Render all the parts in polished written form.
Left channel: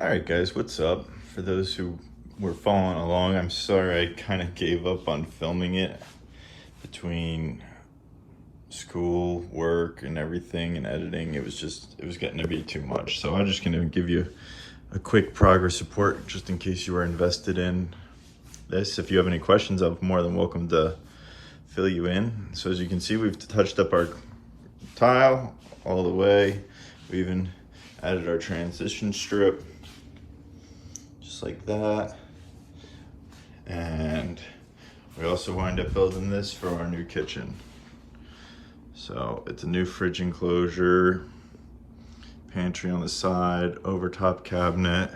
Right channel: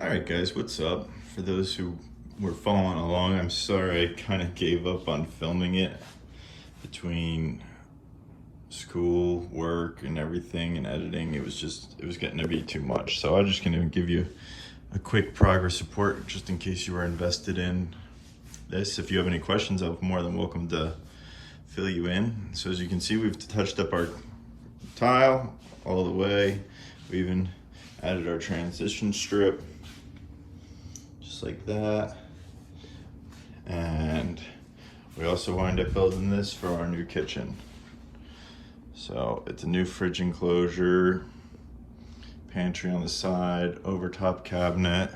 All right, guys, what's up? For those who were following along, I'm sorry I kind of gave up on filming it between school, work, and everything, and editing. It was getting to be too much. So I'm just gonna give you a quick progress report just in case you were invested in this. If you have any questions, I'm more than welcome to fill you in. So as you can see, we've touched up our tile all the way. We even added our transition strip, just like that. And we also wind up building this for our new kitchen. So it's a new fridge enclosure, pantry on the side, overtop cabinet,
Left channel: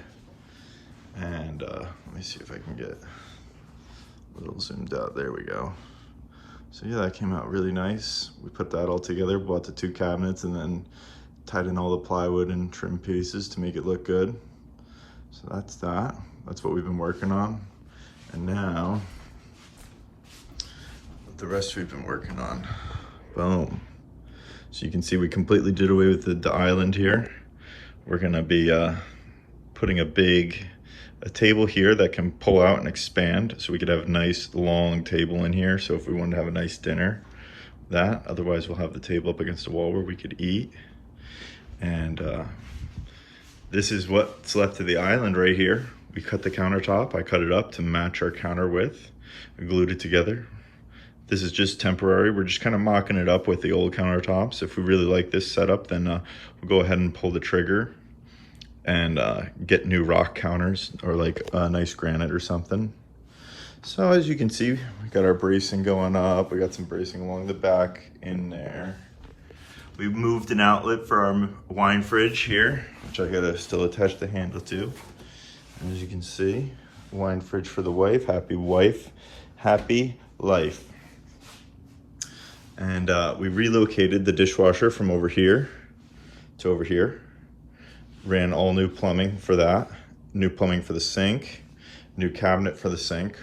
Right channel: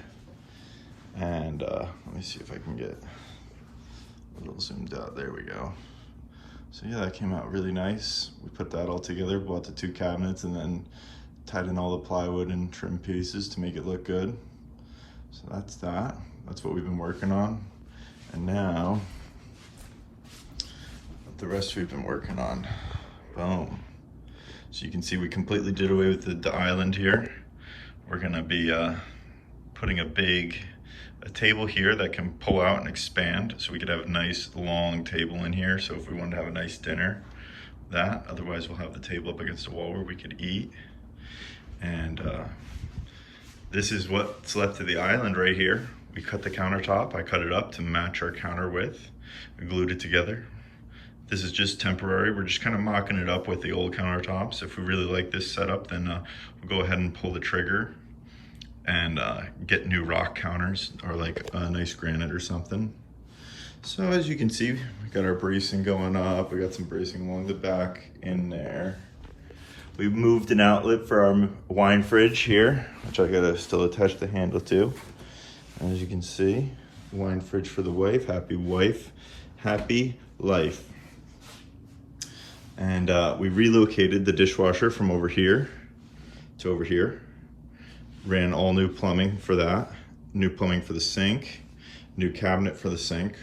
and let me see if I can get a little zoomed out. There we go. So yeah, that came out really nice. We put that all together, bought the 2 cabinets, and then tied in all the plywood and trim pieces to make it look good. So that's that. That's what we've been working on. And now, the rest we've been working on. Boom. So you can see we completely did away with the island here. We're gonna be putting a table here that can pull out and expand, so we could have a nice long table in here. So if we wanted to have a nice dinner, otherwise we'll have the table up against the wall where we could eat. And this is what's left of the island right here. We cut the countertop. I cut it up to match our counter width. We glued it together. This is just temporary. We're just kind of mocking it up with the old countertops. If we really like this setup, then we'll go ahead and pull the trigger and get new rock counters or like a nice granite or something. So as you can see, we got our bracing going up. We got some bracing along the back in there. We moved an outlet for our wine fridge here, which I gotta still attach the handle to. And as you can see, wine fridge for the wife, happy life. And we relocated the dishwasher from over here to over here. Ran all new plumbing for that. New plumbing for the sink. New cabinet for the sink.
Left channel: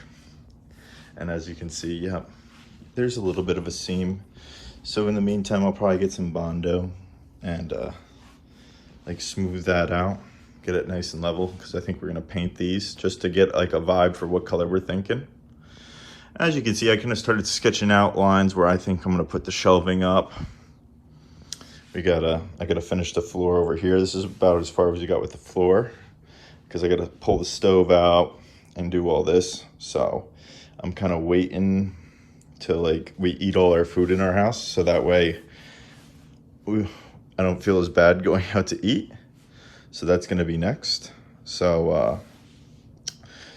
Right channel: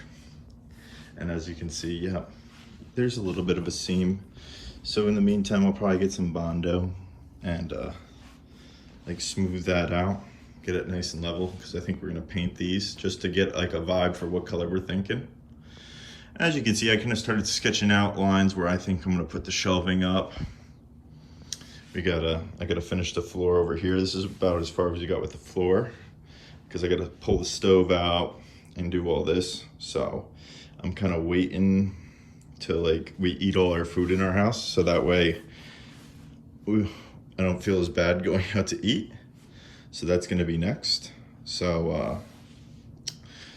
And as you can see, yeah, there's a little bit of a seam. So in the meantime, I'll probably get some Bondo and like smooth that out. Get it nice and level, because I think we're gonna paint these just to get like a vibe for what color we're thinking. As you can see, I kind of started sketching out lines where I think I'm gonna put the shelving up. I gotta finish the floor over here. This is about as far as you got with the floor, because I gotta pull the stove out and do all this. So I'm kind of waiting till like we eat all our food in our house, so that way I don't feel as bad going out to eat. So that's gonna be next. So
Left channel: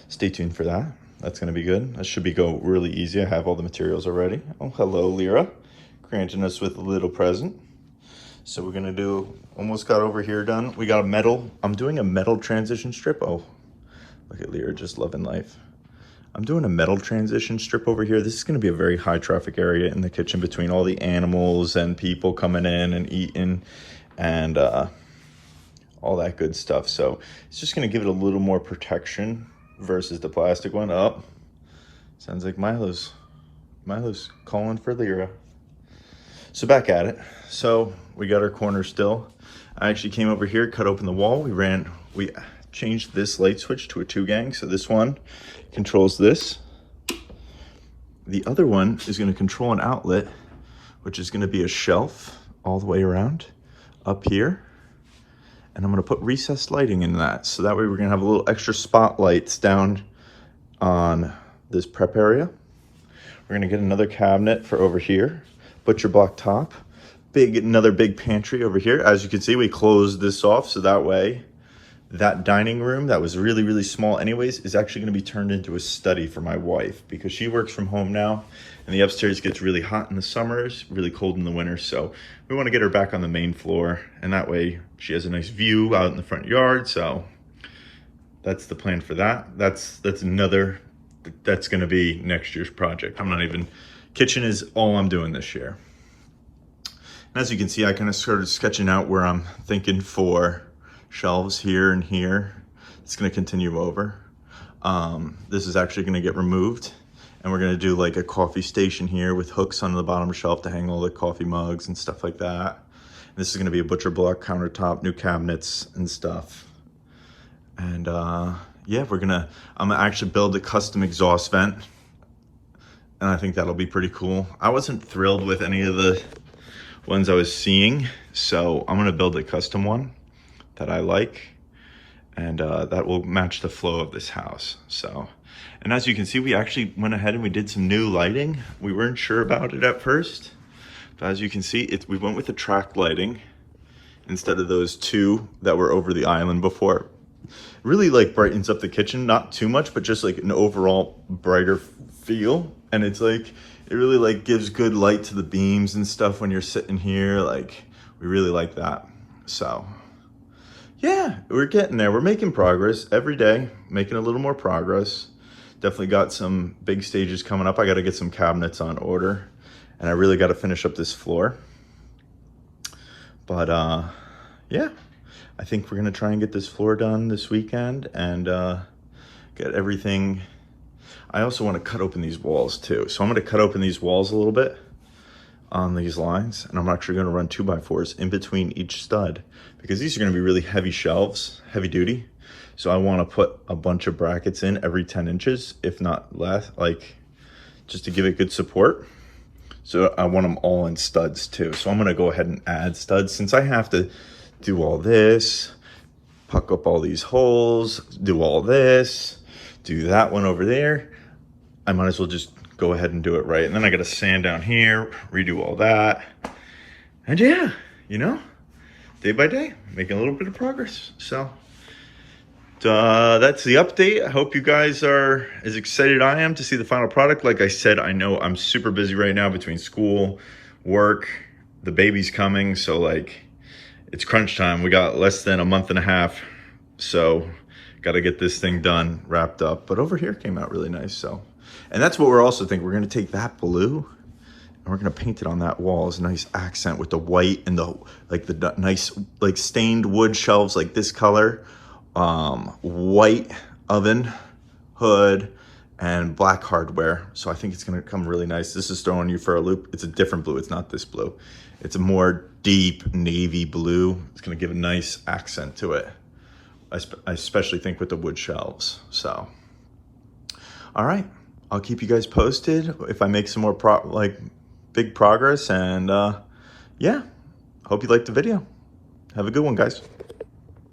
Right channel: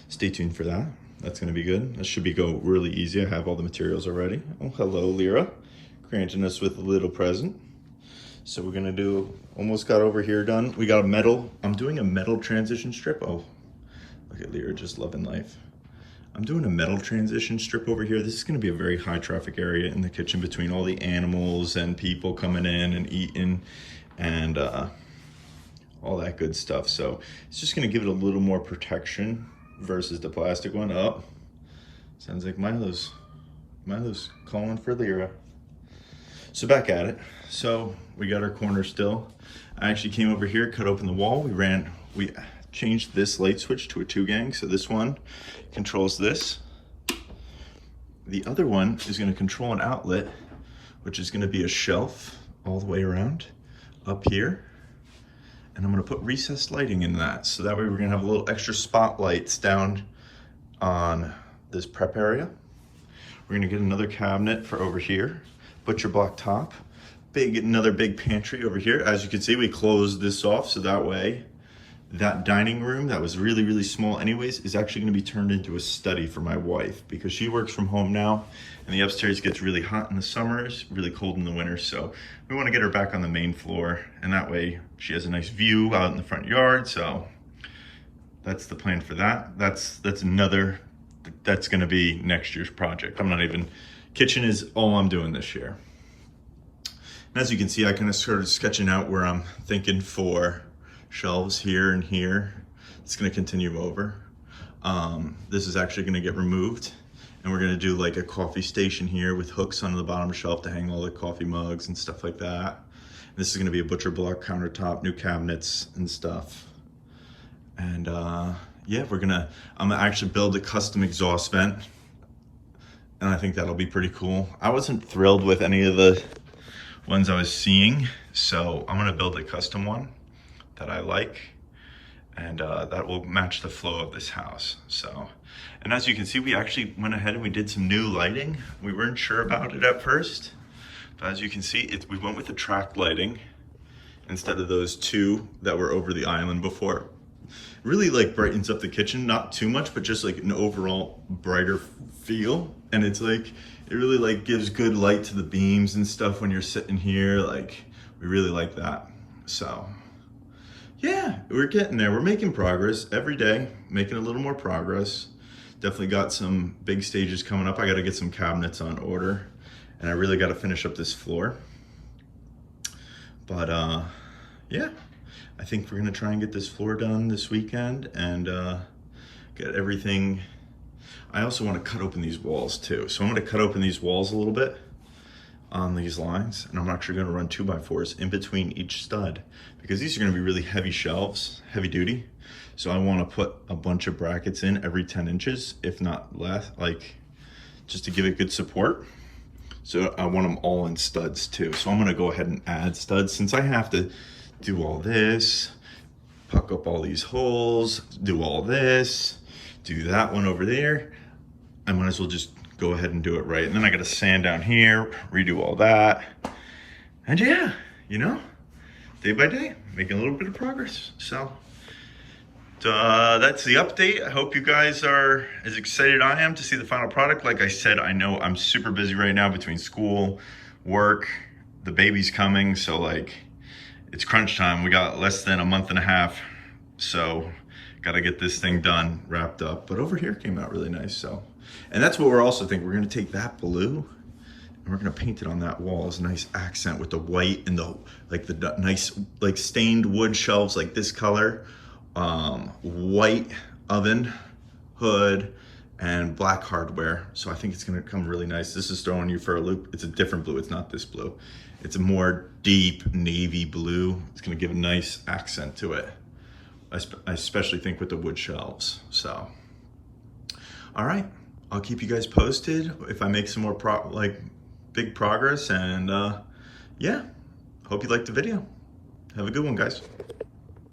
stay tuned for that. That's gonna be good. That should go really easy. I have all the materials already. Oh, hello, Lyra, granting us with a little present. So we're gonna do, almost got over here done. We got a metal, I'm doing a metal transition strip. Oh, look at Lyra just loving life. I'm doing a metal transition strip over here. This is gonna be a very high traffic area in the kitchen between all the animals and people coming in and eating and all that good stuff. So it's just gonna give it a little more protection versus the plastic one. Oh, sounds like Milo's calling for Lyra. So back at it. So we got our corner still. I actually came over here, cut open the wall. We changed this light switch to a 2-gang. So this one controls this. The other one is gonna control an outlet, which is gonna be a shelf all the way around up here. And I'm gonna put recessed lighting in that. So that way we're gonna have a little extra spotlights down on this prep area. We're gonna get another cabinet for over here. Butcher block top, another big pantry over here. As you can see, we closed this off, so that way that dining room that was really, really small anyways is actually gonna be turned into a study for my wife, because she works from home now and the upstairs gets really hot in the summers, really cold in the winter. So we wanna get her back on the main floor, and that way she has a nice view out in the front yard. So that's the plan for that. That's gonna be next year's project. Kitchen is all I'm doing this year. And as you can see, I kind of started sketching out where I'm thinking for shelves here and here. It's gonna continue over. This is actually gonna get removed, and we're gonna do like a coffee station here with hooks on the bottom shelf to hang all the coffee mugs and stuff like that. And this is gonna be a butcher block countertop, new cabinets and stuff. And yeah, I'm gonna actually build a custom exhaust vent. And I think that'll be pretty cool. I wasn't thrilled with any of the ones I was seeing, so I'm gonna build a custom one that I like, and that will match the flow of this house. So, and as you can see, we actually went ahead and we did some new lighting. We weren't sure about it at first, but as you can see, we went with the track lighting instead of those two that were over the island before. Really like brightens up the kitchen, not too much, but just like an overall brighter feel. And it's like, it really like gives good light to the beams and stuff when you're sitting here. Like, we really like that. So yeah, we're getting there. We're making progress every day, making a little more progress. Definitely got some big stages coming up. I got to get some cabinets on order, and I really got to finish up this floor. But yeah, I think we're gonna try and get this floor done this weekend and get everything. I also want to cut open these walls too. So I'm gonna cut open these walls a little bit on these lines, and I'm actually gonna run 2x4s in between each stud because these are gonna be really heavy shelves, heavy duty. So I wanna put a bunch of brackets in every 10 inches, if not less, like just to give it good support. So I want them all in studs too. So I'm gonna go ahead and add studs since I have to do all this, puck up all these holes, do all this, do that one over there. I might as well just go ahead and do it right. And then I gotta sand down here, redo all that. And yeah, you know, day by day, making a little bit of progress. So that's the update. I hope you guys are as excited as I am to see the final product. Like I said, I know I'm super busy right now between school, work, the baby's coming. So like, it's crunch time. We got less than a month and a half. So got to get this thing done, wrapped up. But over here came out really nice. So, and that's what we're also thinking. We're going to take that blue and we're going to paint it on that wall as a nice accent with the white and the nice like stained wood shelves like this color. White oven, hood, and black hardware. So I think it's gonna come really nice. This is throwing you for a loop. It's a different blue, it's not this blue. It's a more deep navy blue. It's gonna give a nice accent to it. I especially think with the wood shelves. So, all right, I'll keep you guys posted if I make some more big progress. And yeah, hope you liked the video. Have a good one, guys.